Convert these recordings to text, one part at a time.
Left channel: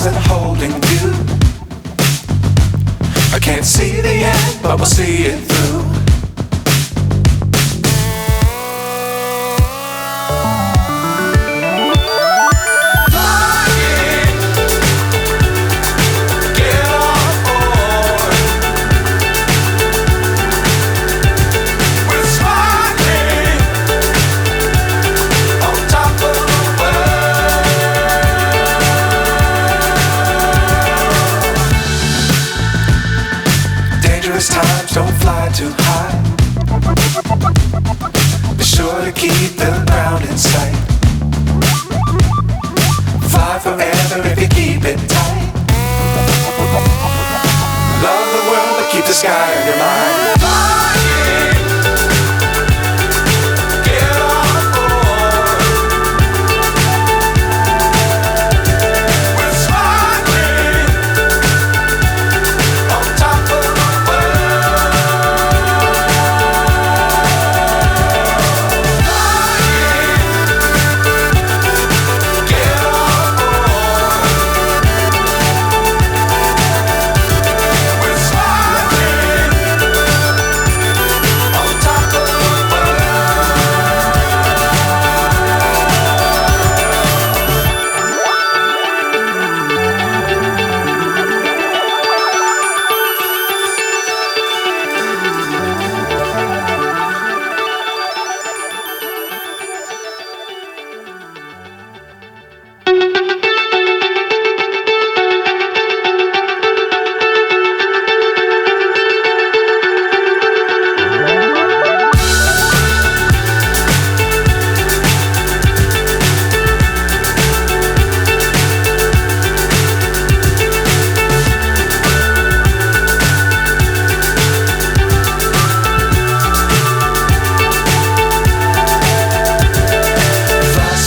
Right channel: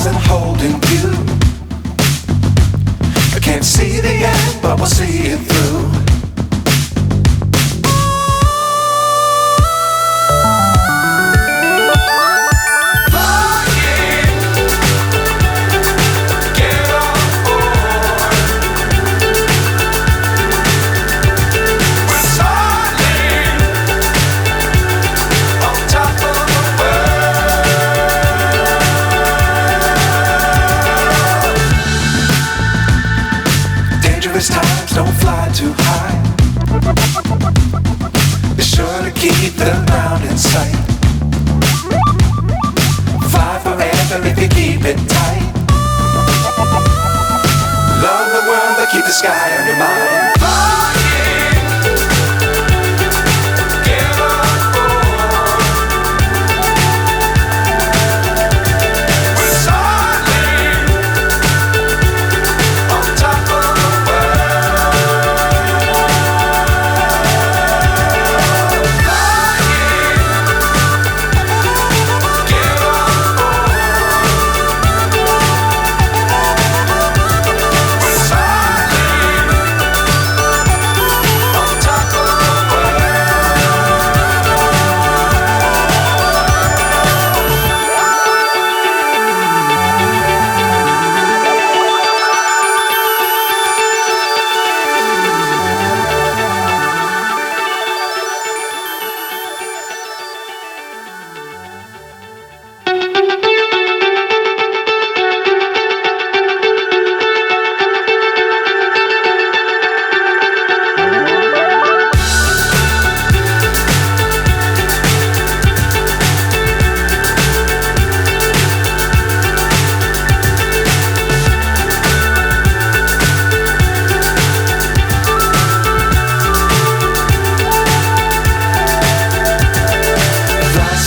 stars and holding you. I can't see the end, but we'll see it through. Times don't fly too high. Be sure to keep the ground in sight. Fly forever if you keep it tight. Love the world but keep the sky on your mind.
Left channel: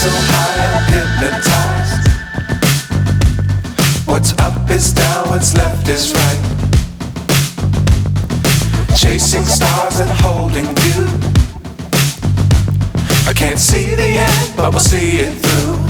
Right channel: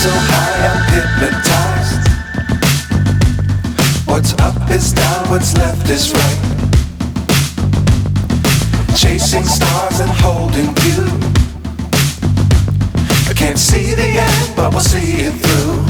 So high I'm hypnotized. What's up is down, what's left is right. Chasing stars and holding you. I can't see the end, but we'll see it through.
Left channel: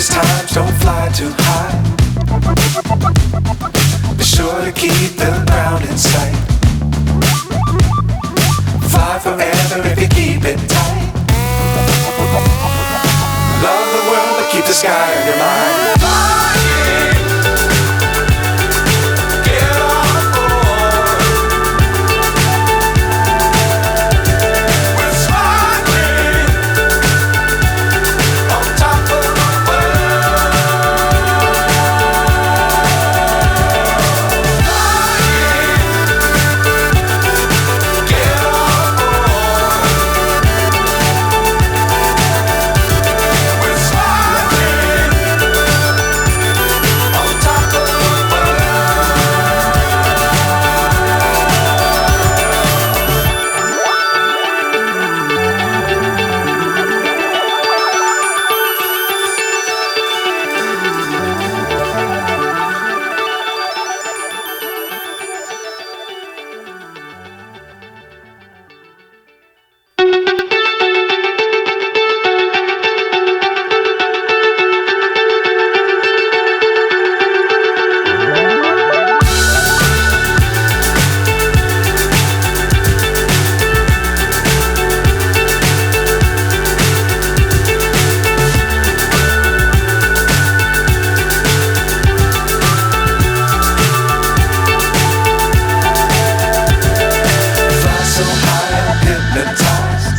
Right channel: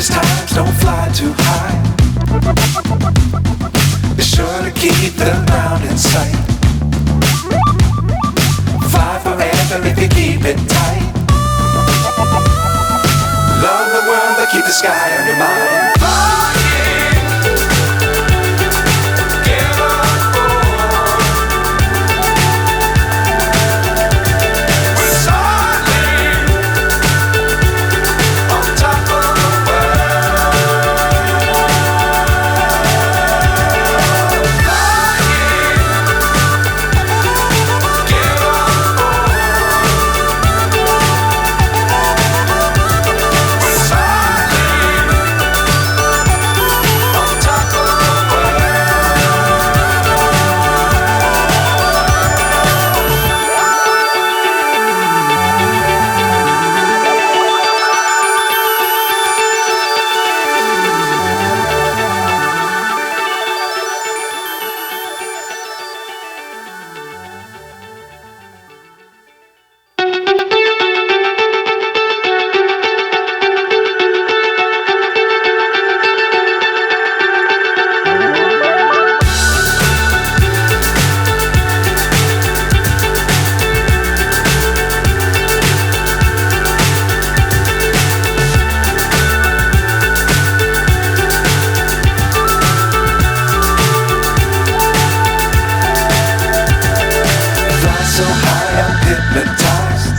Times don't fly too high. Be sure to keep the ground in sight. Fly forever if you keep it tight. Love the world but keep the sky on your mind. So high I'm hypnotized.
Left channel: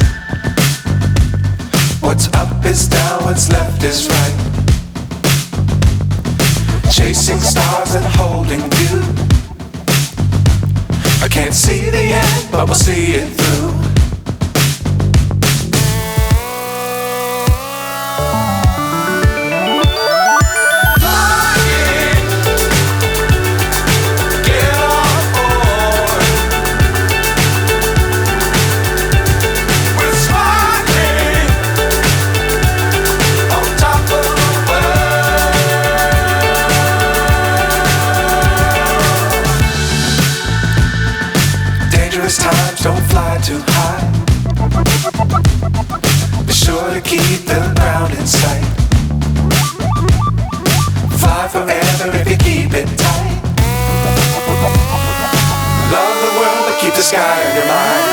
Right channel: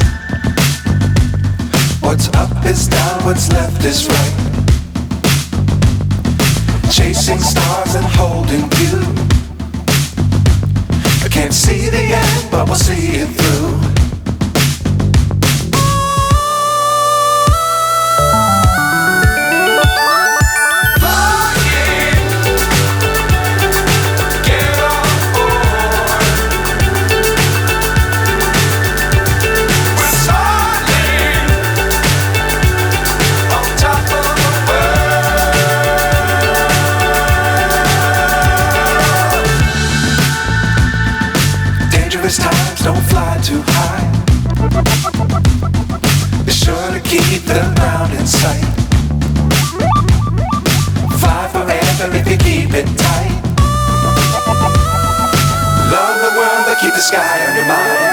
What's up is down, what's left is right. Chasing stars and holding you. I can't see the end, but we'll see it through. keep the ground in sight. Fly forever if you keep it tight. Love the world but keep the sky on your mind.